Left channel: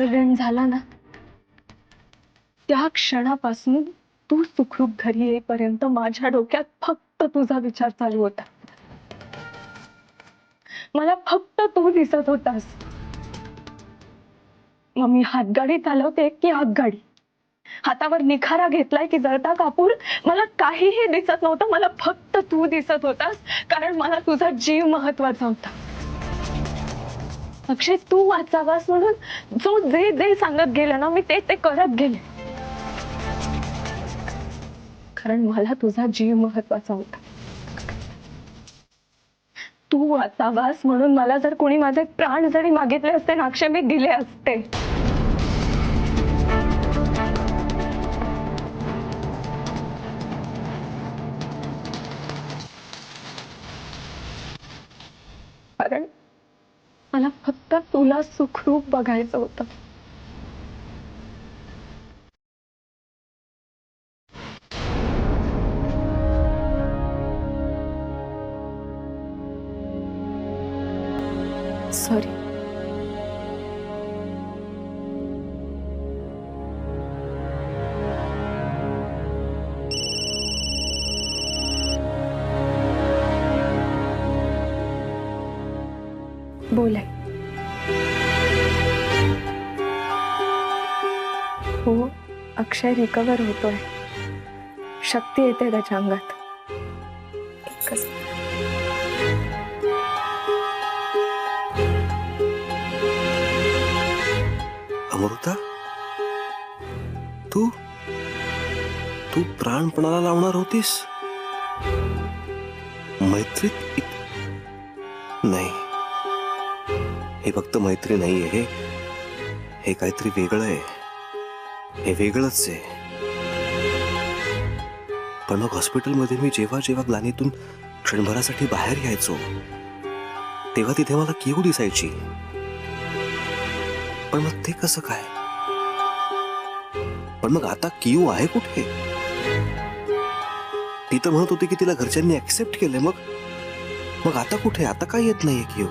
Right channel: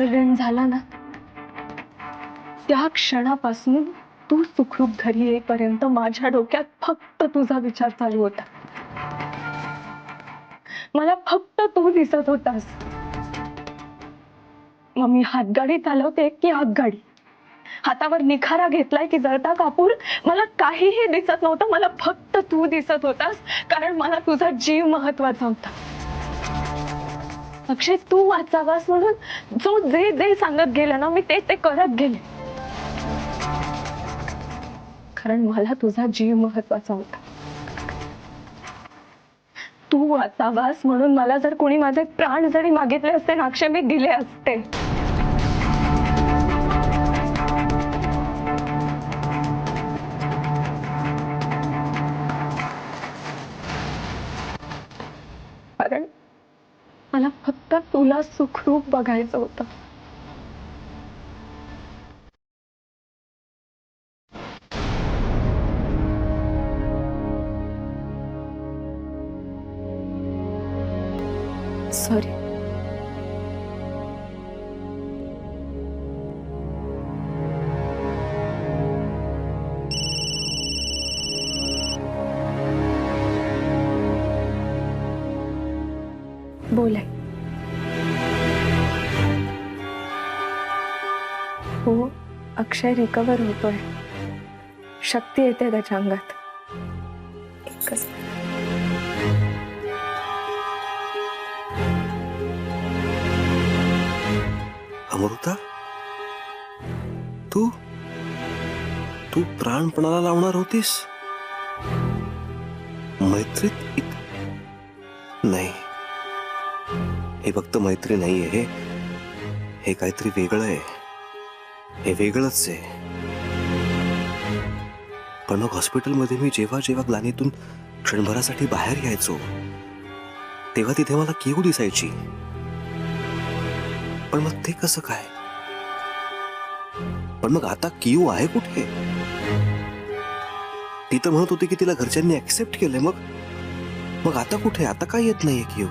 Accident झाला ना, त्या क्षणापासून तू सुखरूप घरी येईपर्यंत माझ्या डोक्यात फक्त तुझा विचार चालू होता. मला फक्त तू दिसत होतास. मग मी हातगाडी चालवते की आगगाडी, हातावर निखारा घेतलाय की जळता कापूर, मला काहीही दिसत नव्हतं. मला फक्त तू दिसत होतास, कारण मला तुझा जीव महत्वाचा होता. अक्षय, तू वाचावास म्हणून जो जे जे सांगत गेलं ना, मी ते ते करत गेले, कारण मला तुझा जीव महत्वाचा होता. तू वाचावास म्हणून मला जर कोणी माझे प्राण जरी मागितले असते ना अक्षय, मी दिले असते. कारण मला फक्त तुला सुखरूप बघायचं होतं. सॉरी. बोले. हो, अक्षय रिकवर होतोय. शक्ती येते त्याच्या अंगात. एकच अमृता, तू तू प्राणपणाला लावणार होतीस मैत्रीत? नाही, हे फक्त मैत्री नाहीये, हे काहीतरी वेगळं आहे. हे वेगळंच आहे. पण मग हॉस्पिटलमध्ये मी जेव्हा जेव्हा ग्लानीतून क्षणभरासाठी बाहेर यायचो तेव्हा तिथे मला किऊ दिसायची. पण मग ते कसं काय? पण मग आता किऊ आहे कुठे? ती तर म्हणत होती की तिला घरच्यांनी ऍक्सेप्ट केलंय. मग आता कुठे? आता काय येत नाहीये किऊ?